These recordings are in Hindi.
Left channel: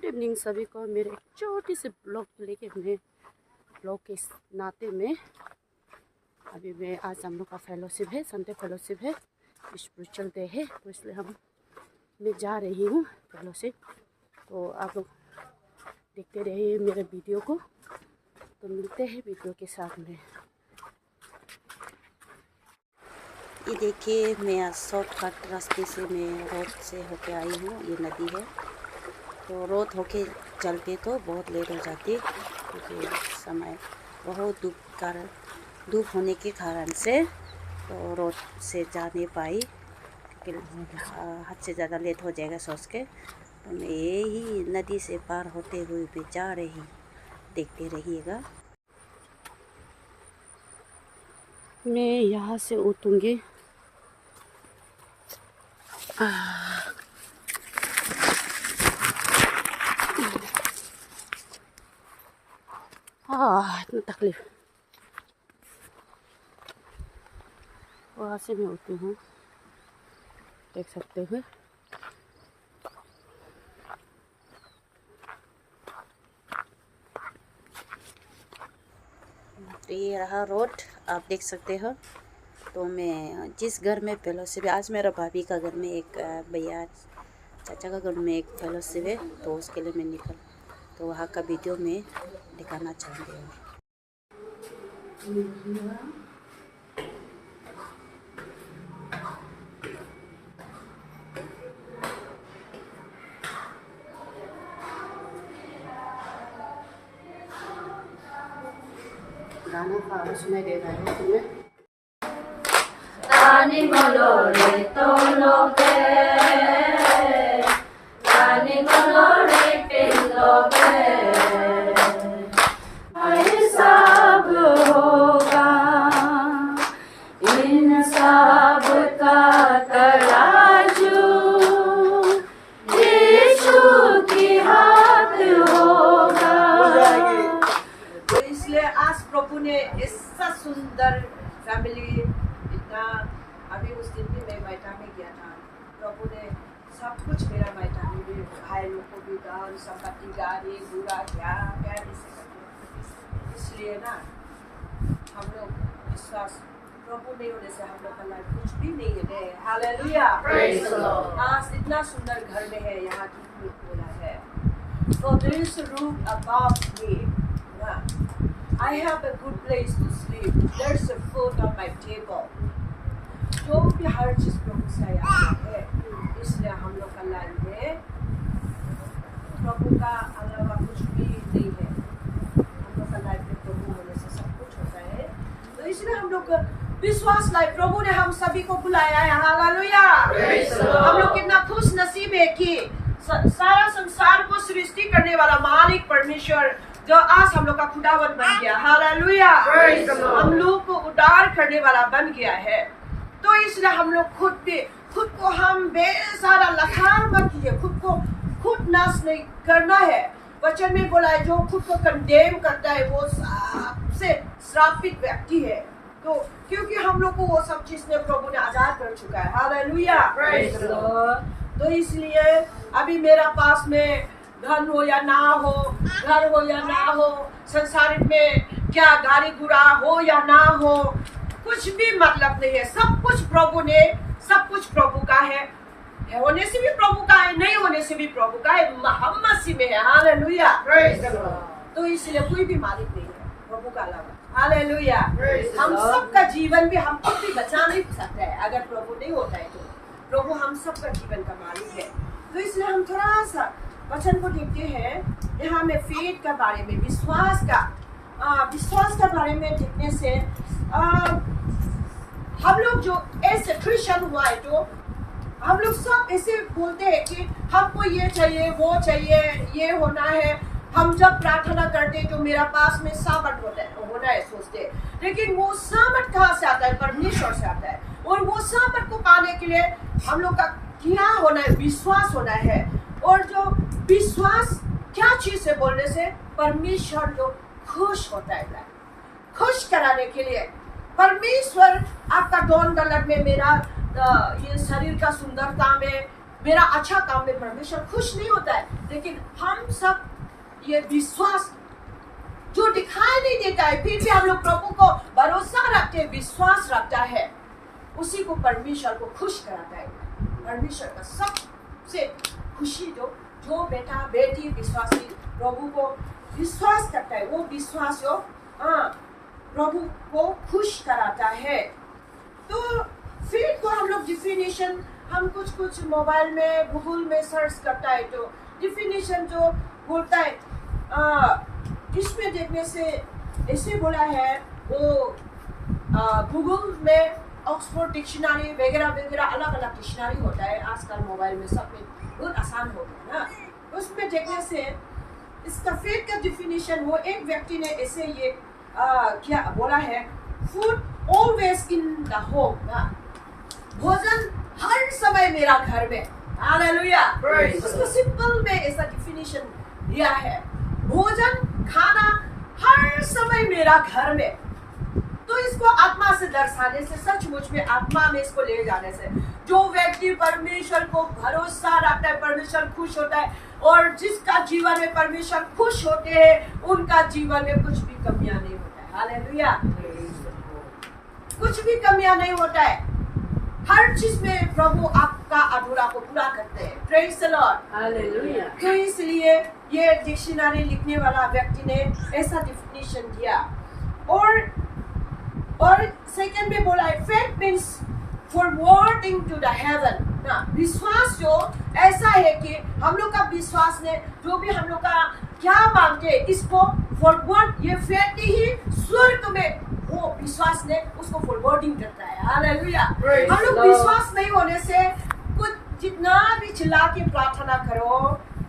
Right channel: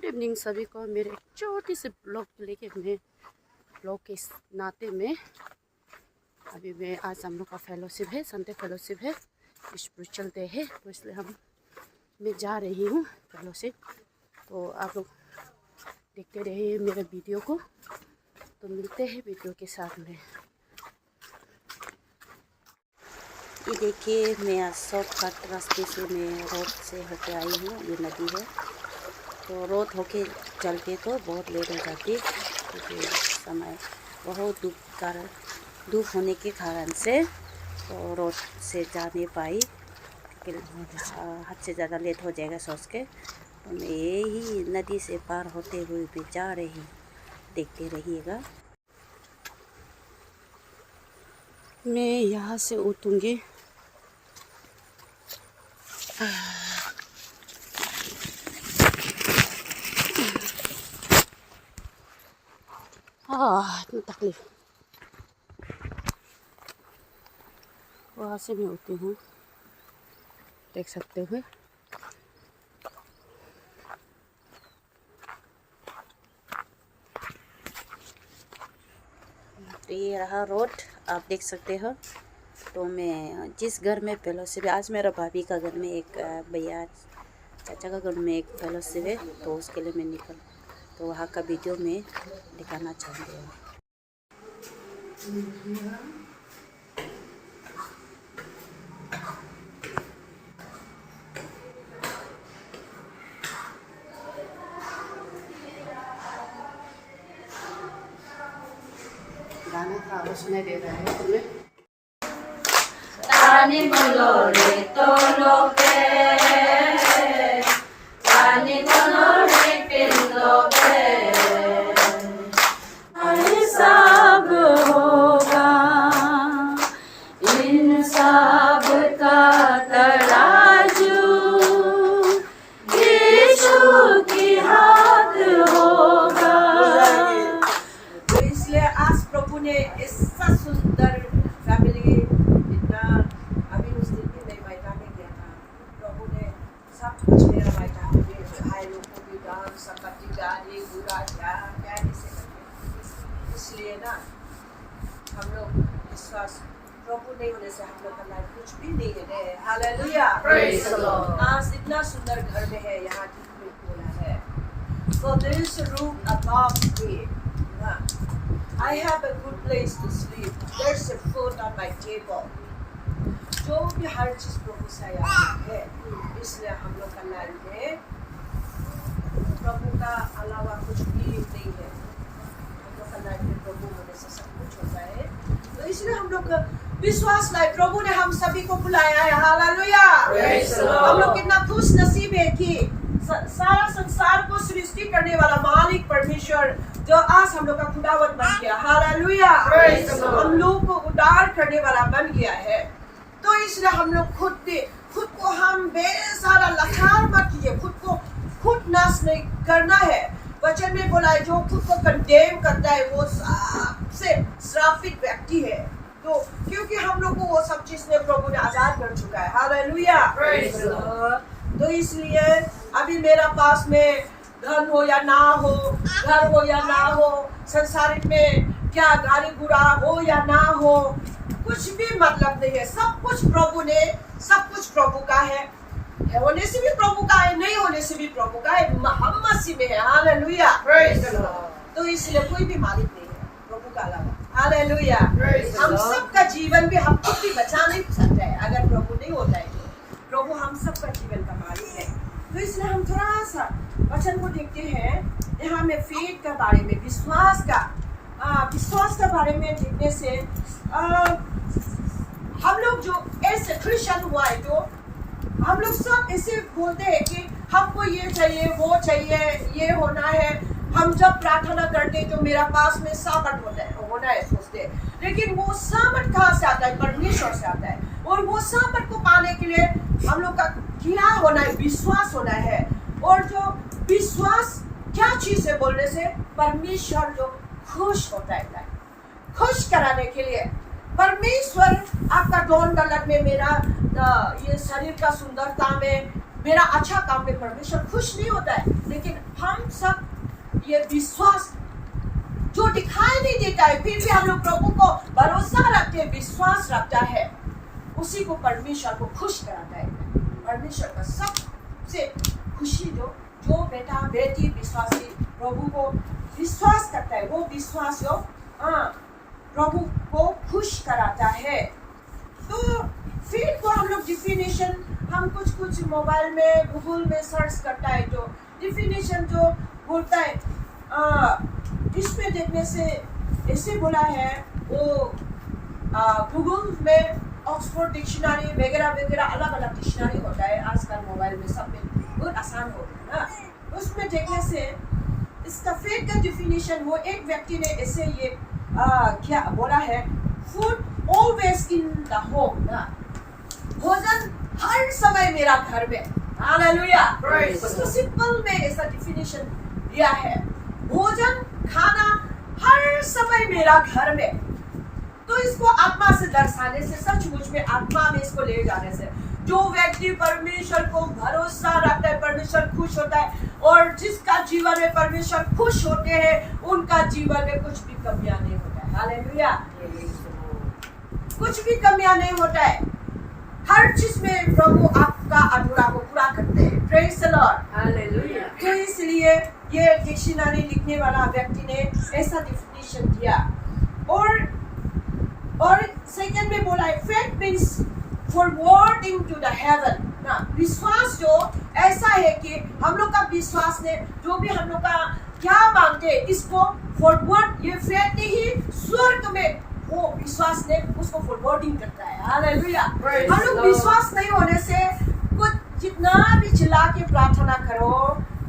गुड इवनिंग सभी को। मेरे एक छोटी सी ब्लॉग लेके मैं ब्लॉग के नाते में अभी मैं आज हम लोग का फेलोशिप है, संडे फेलोशिप है, स्पिरिचुअल डे है, तो इसलिए मैं जा रही हूँ फेलोशिप। तो आप लोग देखते रहिए मेरे वीडियो को। तो मिलते हैं वीडियो के साथ में। ये देखिए मैं आज शॉर्टकट रास्ते से मैं रोड से होके आई हूँ। ये नदी है तो रोड होके चलते तो बहुत लेट हो जाती क्योंकि समय बहुत धूप होने के कारण से तो रोड से जा नहीं पाई क्योंकि हद से ज़्यादा लेट हो जाएगा सोच के। तो मैं यही नदी से पार होते हुए भी जा रही, देखते रहिएगा। मैं यहाँ से उतरूँगी। इतनी तकलीफ। वहाँ से मैं उतरी हूँ, देख सकते हो। तो ये रहा रोड, आप देख सकते हो। तो मैं जिस घर में फेलोशिप है, आज मेरा भाभी का घर में एक भैया चाचा का घर में एक फेलोशिप है, तो उसके लिए मैं निकल तो वहाँ का वीडियो में दिखाना चाहूँगी। गाना का आवाज सुनाई दे रहा है तुम्हें? Tani molore toloke, tani molore piloke, ये सब होगा, इन सब का तराजू यीशु की हाथ होगा। तो इसलिए आज प्रभु ने ऐसा सुंदर फैमिली, इतना अभी उस दिन भी मैं बैठा में गया था, प्रभु ने सब कुछ मेरा बैठा में भाई लोग को भी दान संपत्ति गाड़ी बुरा क्या क्या ऐसे करते। इसलिए ना हम लोग विश्वास प्रभु नहीं होने से हम लोग का लाइफ कुछ भी नहीं है। Hallelujah, Praise the Lord. आज इतना सुंदर घर में है, यहाँ की बोला है For there is a room above me. I have a good place to sleep. There's a food on my table. जो भी हर चीज प्रभु से आया है, इसलिए हम लोग का लाइफ में प्रभु का अलावा कुछ भी नहीं है। हम लोग का लाइफ में प्रभु होने से सब कुछ होता है। तो इसलिए हम लोग विश्वास लाइफ प्रभु ने हम सभी को बुलाया है। हालेलुया, हम लोग कितना खुश नसीब है कि सारा संसार को सृष्टि करने वाला मालिक परमेश्वर जो आज हम लोग का खुदावन बन गया। हालेलुया, हम लोग को उद्धार करने वाला बन गया है। तो इसलिए हम लोग खुद को हम बेसारा लाचार मत कीजिए, खुद नाश नहीं करना है। वचन में बोला है जो खुद को कंडेम करता है वो सबसे श्रापित व्यक्ति है। तो क्योंकि हम लोग को वो सब चीज में प्रभु ने आजाद कर चुका है। हालेलुया, तो इसलिए अभी मेरा पास में धन हो या ना हो, घर हो या ना हो, संसारिक में क्या गाड़ी गुड़ा हो या ना हो, कुछ भी मतलब नहीं है। सब कुछ प्रभु ने, सब कुछ प्रभु का है, होने से भी प्रभु का है, नहीं होने से भी प्रभु का है, हम मसीह में है। हालेलुया, तो इसलिए कोई भी मालिक नहीं है प्रभु का अलावा। हालेलुया, हम सब का जीवन भी हम खुद भी बचा नहीं सकते है अगर प्रभु नहीं होता है। तो प्रभु हम सब का जीवन का मालिक है। तो इसलिए हम थोड़ा सा वचन को देखते हैं। यहाँ में फेथ का बारे में, विश्वास का बारे में देखने से हम लोग जो ऐसे क्रिश्चियन हुआ है, जो हम लोग सब ऐसे बोलते हैं कि हमको ये चाहिए वो चाहिए, ये होना है। हम जब प्रार्थना करते तो मेरा पास में सामर्थ होना है सोचते हैं, लेकिन वो सामर्थ कहाँ से आता है? परमेश्वर से आता है। और वो सामर्थ को पाने के लिए हम लोग का क्या होना है? विश्वास होना है। और जो विश्वास क्या चीज है बोलने से? परमेश्वर जो खुश होता है, खुश कराने के लिए परमेश्वर आपका डोन डलट में, मेरा ये शरीर का सुंदरता में, मेरा अच्छा काम में परमेश्वर खुश नहीं होता है, लेकिन हम सब ये विश्वास जो दिखाई नहीं देता है, फिर भी हम लोग प्रभु को भरोसा रखते हैं, विश्वास रखता है, उसी को परमेश्वर को खुश कराता है। परमेश्वर का सबसे खुशी जो बेटा बेटी विश्वासी प्रभु को विश्वास करता है, वो विश्वास जो प्रभु को खुश कराता है। तो फिर तो हम लोग डिफिनेशन हम कुछ मोबाइल में गूगल में सर्च करता है, तो डिफिनेशन जो बोलता है इसमें देखने से ऐसे बोला है, वो गूगल में ऑक्सफोर्ड डिक्शनरी वगैरह वगैरह अलग अलग डिक्शनरी होता है आजकल मोबाइल में, सब में बहुत आसान हो गया ना। उसमें देखने से इसका फेथ का डिफिनेशन, वो एक व्यक्ति ने ऐसे ये क्या बोला है, food always in the home ना, भोजन हर समय मेरा घर में। हालेलुया। उसको सिंपल में ऐसा डिफिनेशन दिया है, भोजन खाना हर समय मेरा घर में। तो इसको आत्मा से दर्शाने से, सचमुच में आत्मा में इसको ले जाने से, जो व्यक्ति परमेश्वर को भरोसा रखता है, परमेश्वर खुश होता है, और जिसका जीवन में परमेश्वर खुश होते हैं, उनका जीवन में कुछ भी कमियां नहीं होता है। हालेलुया। कुछ भी कमियां नहीं होता है, हर चीज में प्रभु आपका अधूरा को पूरा करते हैं। Praise the Lord. हालेलुया। तो इसलिए ये डिक्शनरी लिखने वाला व्यक्ति ने ऐसा डिफिनेशन दिया। और सेकंड में बोला है, faith means forwarding to the heaven ना, विश्वास जो ऐसा है कि हम लोग का विश्वास ने जो भी हम लोग का क्या मांगते हैं, इसको फॉरवर्ड, ये फेथ ने ही स्वर्ग में वो विश्वास ने उसको फॉरवर्डिंग करता है। हालेलुया। हम लोग विश्वास नहीं होने से कुछ जितना भी चिल्ला के प्रार्थना करो,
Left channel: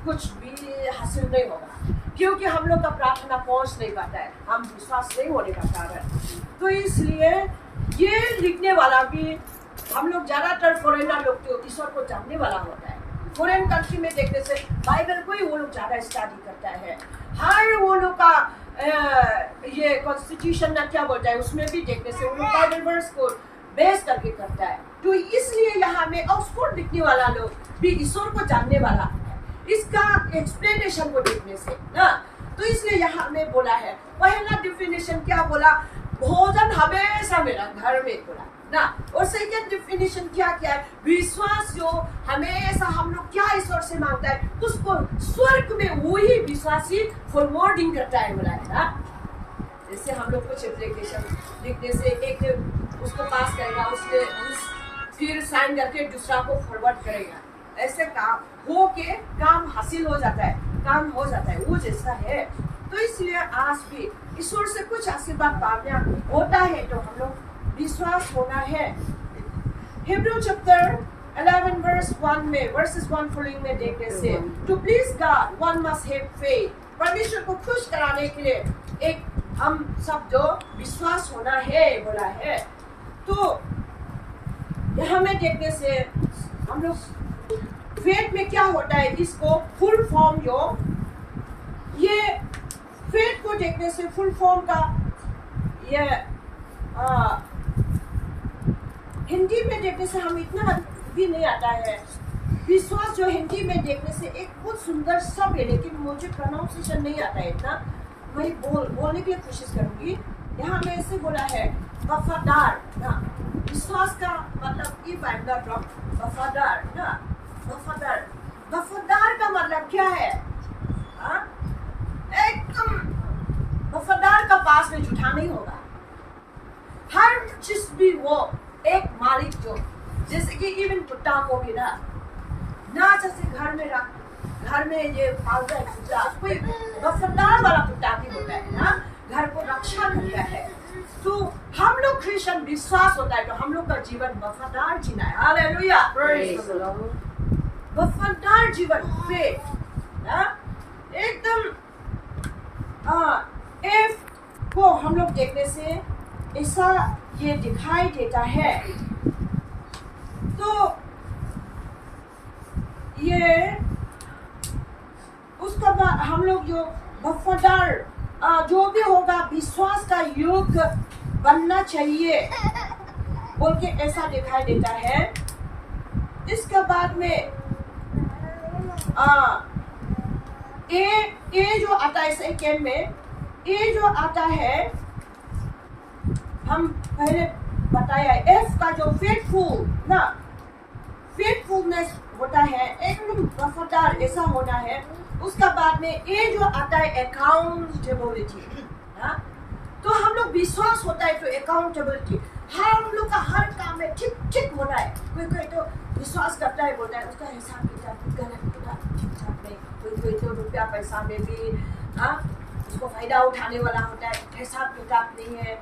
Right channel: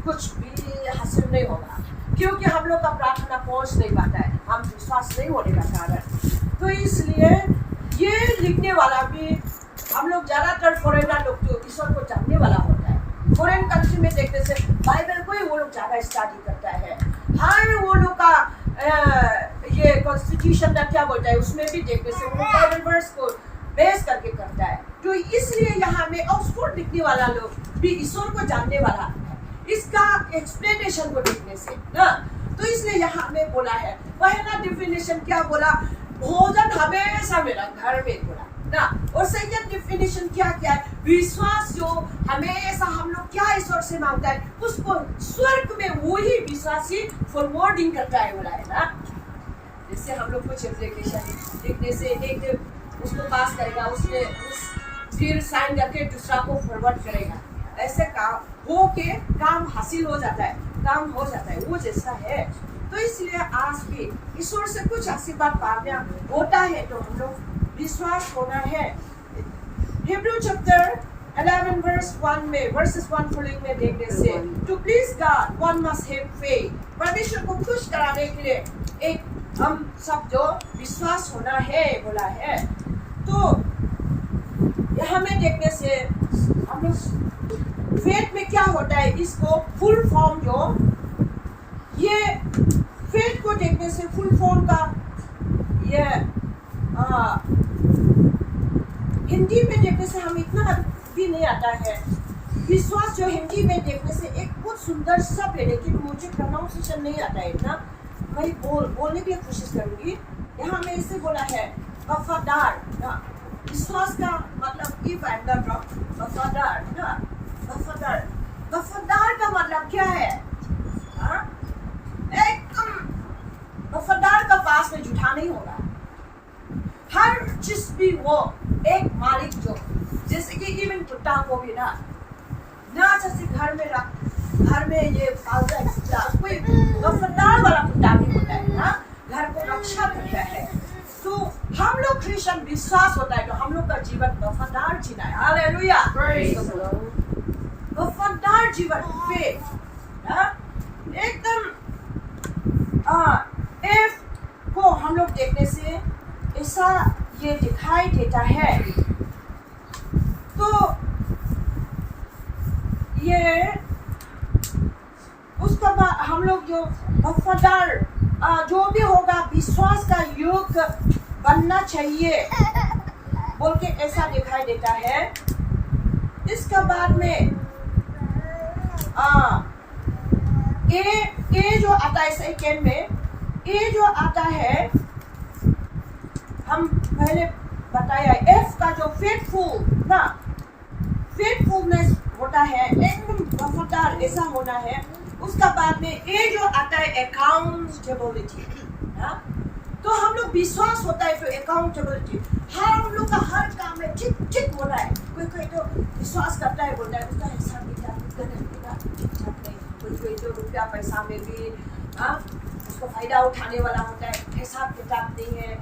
कुछ भी हासिल नहीं होगा, क्योंकि हम लोग का प्रार्थना पहुंच नहीं पाता है, हम विश्वास नहीं होने का कारण। तो इसलिए ये लिखने वाला भी, हम लोग ज्यादातर फॉरेनर लोग जो ईश्वर को जानने वाला होता है, फॉरेन कंट्री में देखने से बाइबल को ही वो लोग ज्यादा स्टडी करता है, हर वो लोग का ये कॉन्स्टिट्यूशन ना क्या बोलता है, उसमें भी देखने से वो लोग बाइबल वर्स को बेस करके करता है। तो इसलिए यहाँ में ऑक्सफोर्ड लिखने वाला लोग भी ईश्वर को जानने वाला है, इसका एक्सप्लेनेशन को देखने से ना। तो इसलिए यहाँ में बोला है, पहला डिफिनेशन क्या बोला, भोजन हमेशा मेरा घर में बोला ना। और सेकंड डिफिनेशन क्या क्या है, विश्वास जो हमेशा हम लोग क्या ईश्वर से मांगता है, उसको स्वर्ग में वही विश्वासी फॉरवर्डिंग करता है बोला है ना। जैसे हम लोग कुछ एप्लीकेशन लिखने से एक उसको पास करेगा, उसमें फिर साइन करके दूसरा को फॉरवर्ड करेगा, ऐसे काम हो के काम हासिल हो जाता है, काम हो जाता है, वो जैसा है। तो इसलिए आज भी ईश्वर से कुछ आशीर्वाद पाना होता है तो हम लोग विश्वास होना है। हिब्रू चैप्टर 11 वर्स 1 में, वर्सेस 1 फॉलोइंग में देखने से, to please God one must have faith, परमेश्वर को खुश कराने के लिए एक हम सब जो विश्वास होना है बोला है। तो यहाँ में देखने से हम लोग फेथ में क्या होता है, इसको फुल फॉर्म जो ये फेथ को देखने से फुल फॉर्म का ये हिंदी में देखने से हम इतना भी नहीं आता है। विश्वास जो हिंदी में देखने से एक बहुत सुंदर शब्द है, लेकिन मुझे प्रोनाउंसिएशन नहीं आता है इतना, मैं बोलने के लिए कोशिश करूंगी। यहाँ में ऐसे बोला है, वफादार ना, विश्वास का मतलब if I am not wrong, वफादार ना, वफादार, वफादार का मतलब क्या है? एकदम वफादार का पास में झूठा नहीं होगा, हर चीज भी वो एक मालिक जो, जैसे कि इवन कुत्ता को भी ना जैसे घर में ये पालता है कुत्ता, कोई वफादार वाला कुत्ता भी होता है ना, घर को रक्षा करता है। तो हम लोग क्रिश्चियन विश्वास होता है तो हम लोग का जीवन वफादार जीना है। हालेलुया। वफादार जीवन पे ना एकदम एफ को हम लोग देखने से ऐसा ये दिखाई देता है। तो ये उसका बाद हम लोग जो वफादार जो भी होगा विश्वास का युग बनना चाहिए बोल के ऐसा दिखाई देता है। इसके बाद में ए जो आता है सेकेंड में, ए जो आता है हम पहले बताया, एफ का जो फेथफुल ना, फेथफुलनेस होता है, एकदम वफादार ऐसा होना है। उसका बाद में ए जो आता है अकाउंटेबिलिटी, तो हम लोग विश्वास होता है तो अकाउंटेबिलिटी, हम लोग का हर काम में ठीक ठीक होना है। कोई तो विश्वास करता है, बोलता है उसका हिसाब किताब गलत ठीक ठाक नहीं, कोई तो रुपया पैसा में भी उसको फायदा उठाने वाला होता है, हिसाब किताब नहीं है,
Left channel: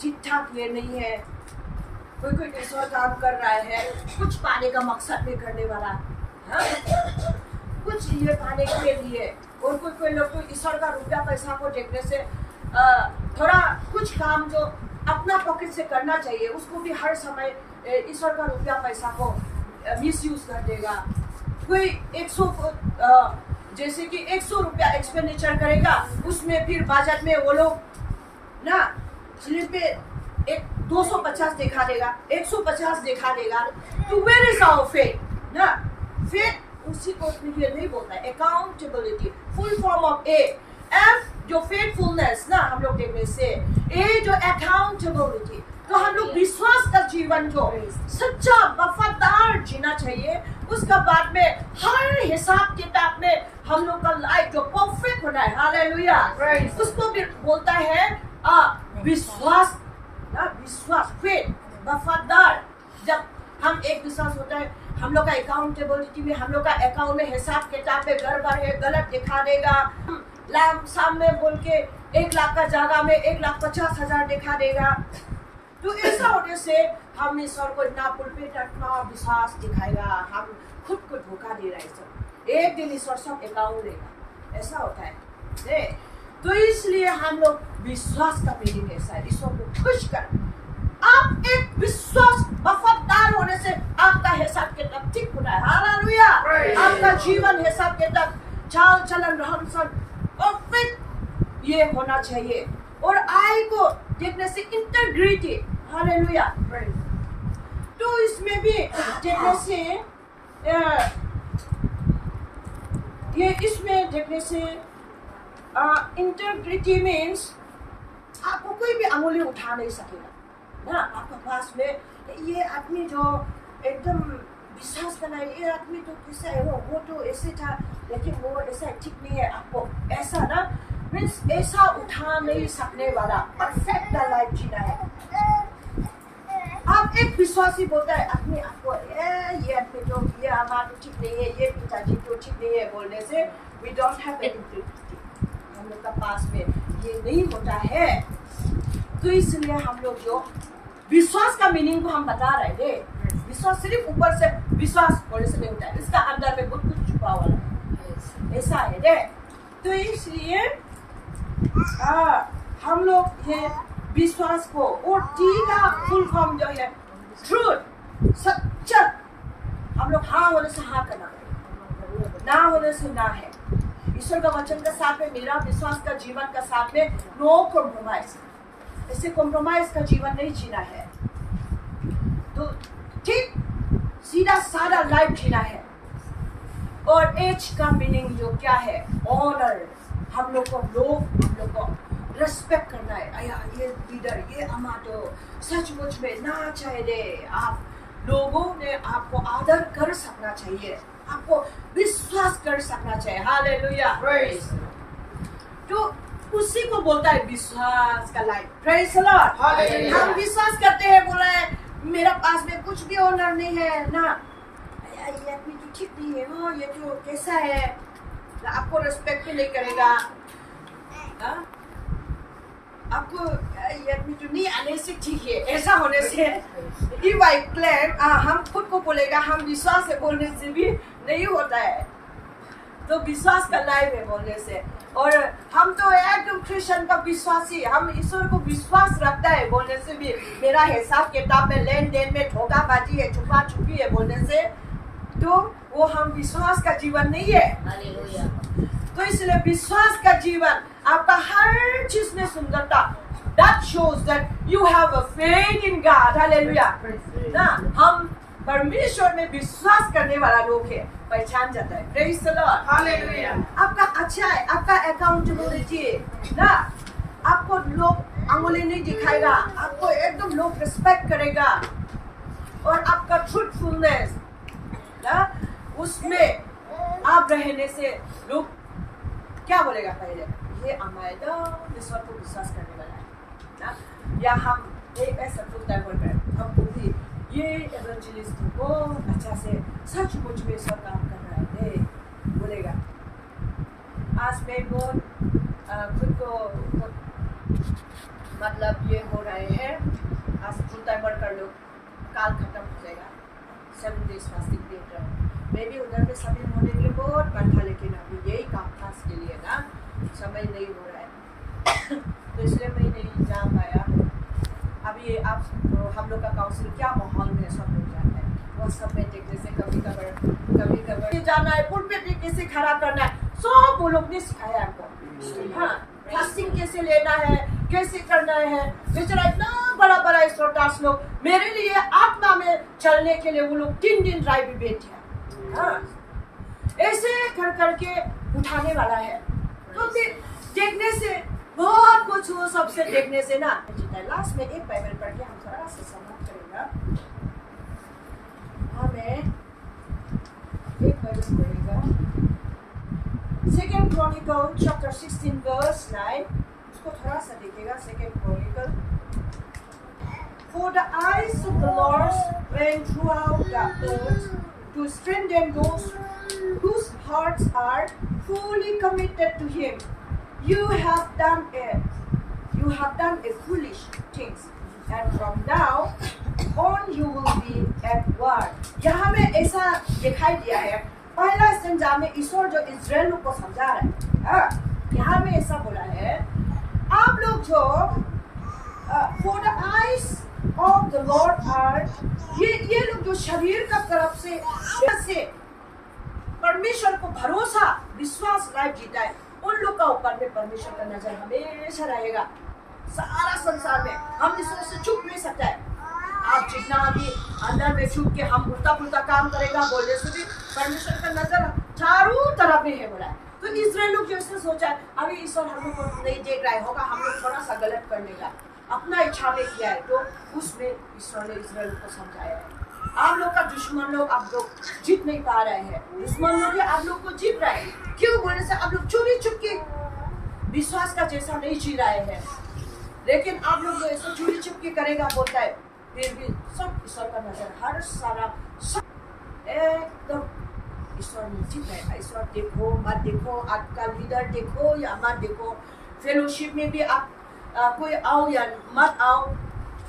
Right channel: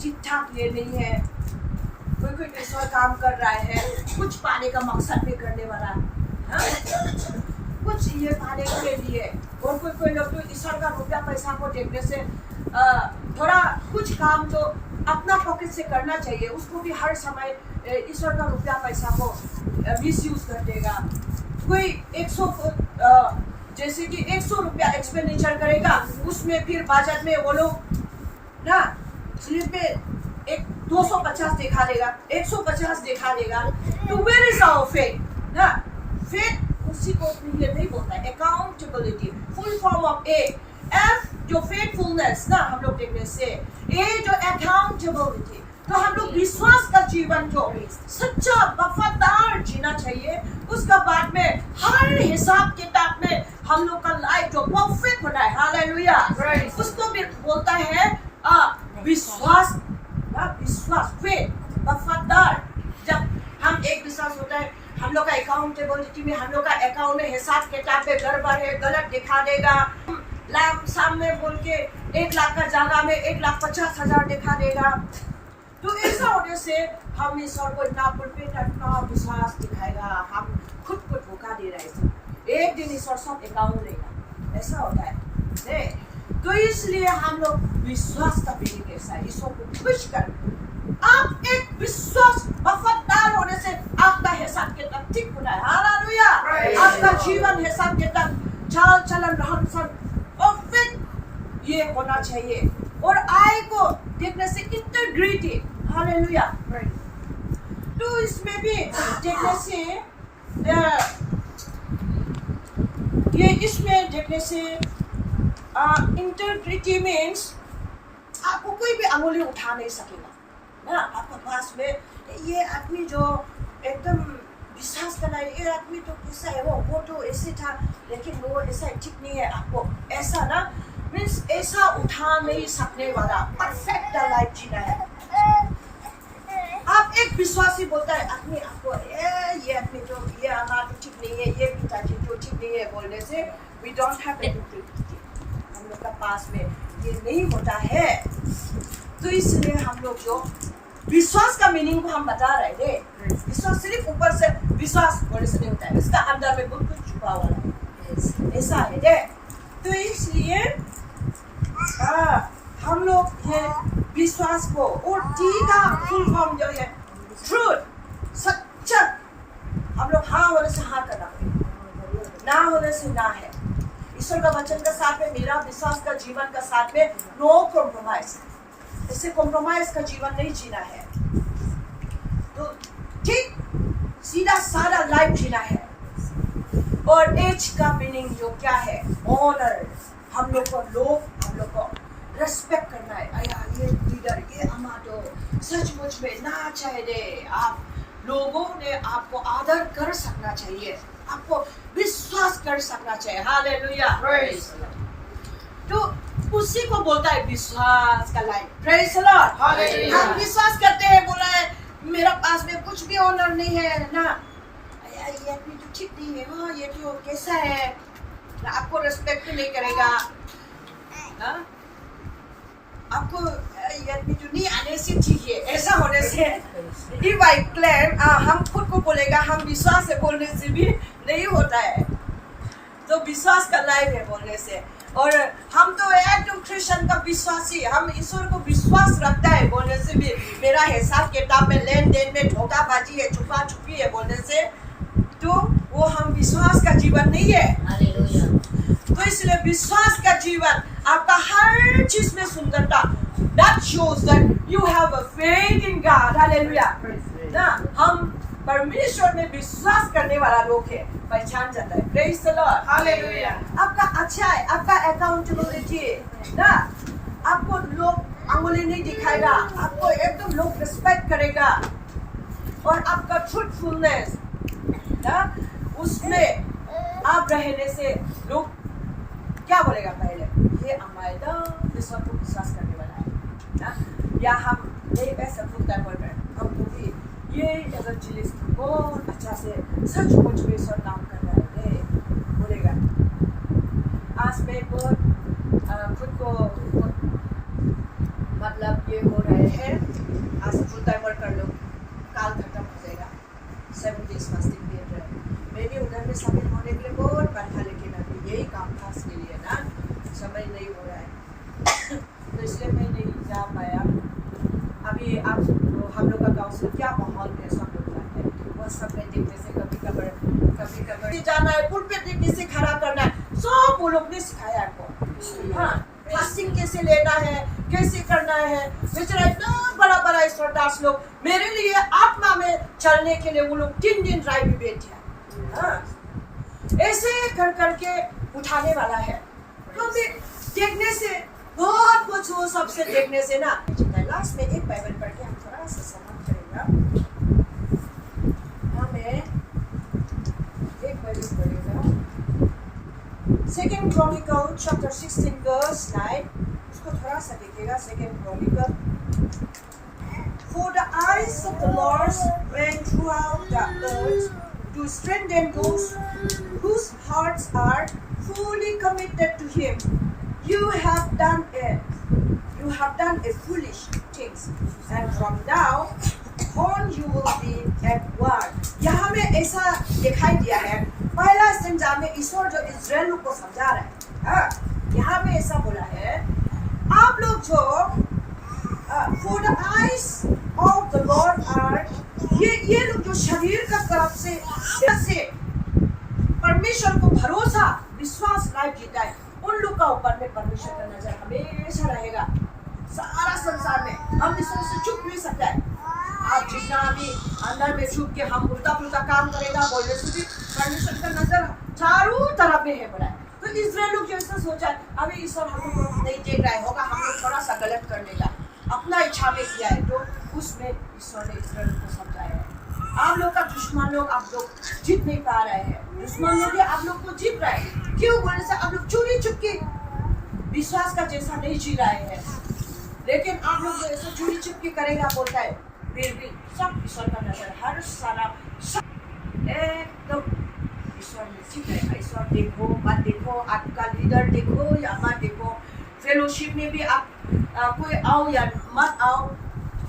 ठीक ठाक ये नहीं है। कोई ईश्वर काम कर रहा है कुछ पाने का मकसद में करने वाला, कुछ ये पाने के लिए, और कोई लोग तो ईश्वर का रुपया पैसा को देखने से थोड़ा कुछ काम जो अपना पॉकेट से करना चाहिए उसको भी हर समय ईश्वर का रुपया पैसा को मिसयूज कर देगा। कोई 100 जैसे कि 100 रुपया एक्सपेंडिचर करेगा, उसमें फिर बजट में वो लोग ना स्लिप पे एक 250 दिखा देगा, 150 दिखा देगा, तो वेयर इज आवर फेथ ना। फेथ उसी को ये नहीं बोलता है, accountability full form of A. F जो फेथफुलनेस ना हम लोग देखने से, ए जो अकाउंटेबिलिटी, तो हम लोग विश्वास का जीवन जो सच्चा वफादार जीना चाहिए। उसका बाद में हर हिसाब किताब में हम लोग का लाइफ जो परफेक्ट होना है, हालेलुया, उसको भी बोलता है विश्वास ना, विश्वास फेथ, वफादार। जब हम एक विश्वास होता है, हम लोग का अकाउंटेबिलिटी में, हम लोग का अकाउंट में हिसाब किताब में गड़बड़ है, गलत दिखा देगा, लाभ सामने बोल के 1 लाख का जगह में 1,50,000 दिखा देगा। तो ऐसा होने से हम ईश्वर को इतना पुलपित इतना विश्वास दिखाएगा, हम खुद को धोखा दे रहे हैं। एक दिन ईश्वर सब अकाउंट लेगा, ऐसा होता है। तो इसलिए हम लोग विश्वास का मीनिंग ऐसा है, ईश्वर को खुश कर। आप एक विश्वास वफादार होने से आपका हिसाब किताब ठीक होना है, हालेलुया। आपका जीवन हिसाब किताब चाल चलन रहन सहन परफेक्ट ये होना चाहिए। और आई को देखने से इंटीग्रिटी, हालेलुया। तो इसमें भी देखने से ये इसमें देखने से इंटीग्रिटी मीन्स आपको कोई भी अंगुली उठा नहीं सकेगा ना। आपका पास में ये आदमी जो एकदम विश्वास करना है, ये आदमी तो कैसा है, वो तो ऐसे था लेकिन वो ऐसा ठीक नहीं है, आपको ऐसा ना मीन्स ऐसा उठा नहीं सकने वाला परफेक्ट लाइफ जीना है। आप एक विश्वासी बोलता है आदमी आपको ये आदमी तो ये हमारा तो ठीक नहीं है, ये पिताजी तो ठीक नहीं है बोलने से वी डोंट हैव इंटीग्रिटी, हम लोग का पास में ये नहीं होता है। तो इसलिए हम लोग जो विश्वास का मीनिंग को हम बता रहे थे, विश्वास सिर्फ ऊपर से विश्वास होने से नहीं होता है, इसका अंदर में बहुत कुछ छुपा हुआ है, ऐसा है दे। तो इसलिए हम लोग ये विश्वास को, और टी का फुल फॉर्म जो है ट्रूथ, सच्चा, हम लोग हाँ होने से हाँ करना है, ना होने से ना है। ईश्वर का वचन का साथ में, मेरा विश्वास का जीवन का साथ में नो कॉम्प्रोमाइज, इससे कॉम्प्रोमाइज का जीवन नहीं जीना है। तो ठीक सीधा साधा लाइफ जीना है। और एच का मीनिंग जो क्या है, ऑनर, हम लोग को रेस्पेक्ट करना है। अया ये लीडर, ये अम्मा तो सचमुच में ना चाहिए, आप लोगों ने आपको आदर कर सकना चाहिए, आपको विश्वास कर सकना चाहिए, हालेलुया। तो उसी को बोलता है विश्वास का लाइफ, प्रेज द लॉर्ड। हम विश्वास करते हैं, बोला है मेरा पास में कुछ भी ऑनर नहीं है ना, ये आदमी तो ठीक नहीं है, हाँ ये तो कैसा है, आपको रेस्पेक्ट नहीं करेगा, आपको ये आदमी तो नहीं आने से ठीक है, ऐसा होने से इफ आई क्लेम, हम खुद को बोलेगा, हम विश्वास से बोलने से भी नहीं होता है। तो विश्वास का लाइफ है बोलने से। और हम तो एकदम क्रिश्चियन का विश्वासी, हम ईश्वर को विश्वास रखता है बोलने से भी, मेरा हिसाब किताब में लेन देन में धोखाबाजी है, छुपा छुपी है बोलने से, तो वो हम विश्वास का जीवन नहीं है। तो इसलिए विश्वास का जीवन आपका हर चीज में सुंदरता, that shows that you have a faith in God, hallelujah ना। हम परमेश्वर में विश्वास करने वाला लोग है, पहचान जाता है। Praise the Lord, hallelujah. आपका अच्छा है, आपका अकाउंटेबिलिटी ना, आपको लोग अंगुली नहीं दिखाएगा, आपको एकदम लोग रिस्पेक्ट करेगा, और आपका ट्रूथफुलनेस ना, उसमें आप रहने से लोग क्या बोलेगा? पहले ये हमारा ईश्वर को विश्वास करने वाला है ना, या हम ये ऐसा फुल टाइम वर्कर, हमको भी ये एवेंजलिस्ट बहुत अच्छा से सचमुच में ईश्वर काम कर रहा है बोलेगा। आज मैं बहुत खुद को मतलब ये हो रहे हैं, आज फुल टाइम वर्कर लोग काल खत्म हो जाएगा, 7 days फास्टिंग दे रहे हैं। मैं भी उधर में शामिल होने के लिए बहुत बात था, लेकिन अभी यही काम था इसके लिए ना, समय नहीं हो रहा है तो इसलिए मैं नहीं जा पाया। अभी आप हम लोग का काउंसिल क्या माहौल में सब लोग जाते हैं, वह सब में देखने से कभी कभी जाना है, पुलपिट कैसे खड़ा करना है, सब वो लोग ने सिखाया हमको। हाँ, फास्टिंग कैसे लेना है, कैसे करना है। बेचारा इतना बड़ा बड़ा ईश्वरदास लोग मेरे लिए आत्मा में चलने के लिए वो लोग 3 दिन ड्राइव में बैठे हैं। हाँ, ऐसे कर करके उठाने वाला है। तो भी देखने से बहुत कुछ वो सबसे देखने से ना, लास्ट में एक बाइबल पढ़ के हम थोड़ा सा समाप्त करेगा। हमें एक बाइबल पढ़ेगा, 2 Chronicles chapter 16 verse 9, उसको थोड़ा सा देखिएगा। 2 Chronicles, for the eyes of the Lord reign throughout the earth to strengthen those whose hearts are fully committed to Him. You have done a foolish things, and from now on you will be at war. यहाँ में ऐसा दिखाई दिया है, पहला संजा में ईश्वर जो इस्राएल को समझा रहा है। हाँ, यहाँ में ऐसा बोला है, आप लोग जो for the eyes of the Lord are, ये लोग जो शरीर का तरफ से परमेश्वर को भरोसा विश्वास लाइफ जीता है, उन लोग का ऊपर में परमेश्वर का नजर हमेशा रहेगा। सारा संसार में हम ईश्वर से छुप नहीं सकता है। आप जितना भी अंदर में छुप के हम उल्टा पुल्टा काम करेगा बोलने से भी परमेश्वर का नजर चारों तरफ में है बोला है। तो इस्राएल लोग जो ऐसा सोचा है, अभी ईश्वर हम लोग को नहीं देख रहा है, होगा हम लोग थोड़ा सा गलत करने का अपना इच्छा में किया है, तो उसमें ईश्वर ने इस्राएल को समझाया है। आप लोग का दुश्मन लोग आप लोग जीत नहीं पा रहे हैं, दुश्मन लोग आप लोग को जीत रहे हैं। क्यों बोलने से आप लोग चोरी छुप के विश्वास का जैसा नहीं जी रहे हैं, लेकिन आप लोग जो ऐसा चोरी छुप के करेगा बोलता है, फिर भी सब ईश्वर का नजर हर सारा सब एकदम ईश्वर में जीत है। ईश्वर देखो मत देखो, आपका लीडर देखो या मत देखो, फेलोशिप में भी आप कोई आओ या मत आओ,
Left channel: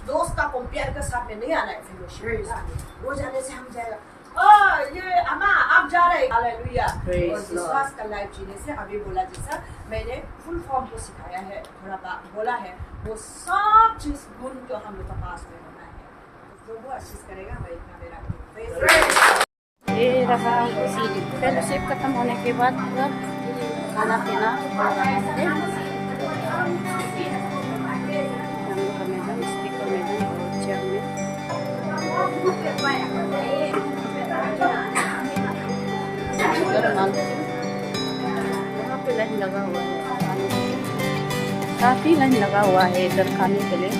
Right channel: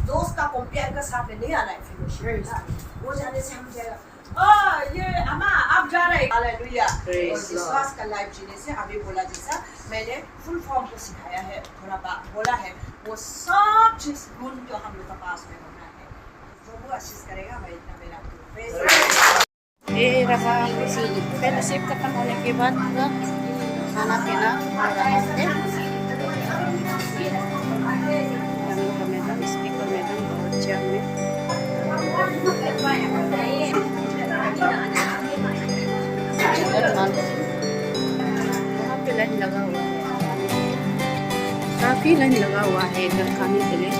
दोस्त का कंपेयर का साथ में नहीं आना है फेलोशिप। वो जाने से हम जाएगा, ये अम्मा आप जा रहे हैं, हालेलुया। और विश्वास का लाइफ जीने से अभी बोला जैसा मैंने फुल फॉर्म को सिखाया है, थोड़ा बोला है, वो सब चीज गुण जो हम लोग का पास में होना है, प्रभु आशीष करेगा। मैं इतना मेरा ये रहा फेलोशिप खत्म होने के बाद पूरा खाना पीना हो रहा है। हम लोग का मैदान, स्पीकर मैदान और चेयर में वहाँ पे लाइन लगा हुआ है खाने के लिए, काफ़ी लाइन लगा हुआ है इधर खाने के लिए।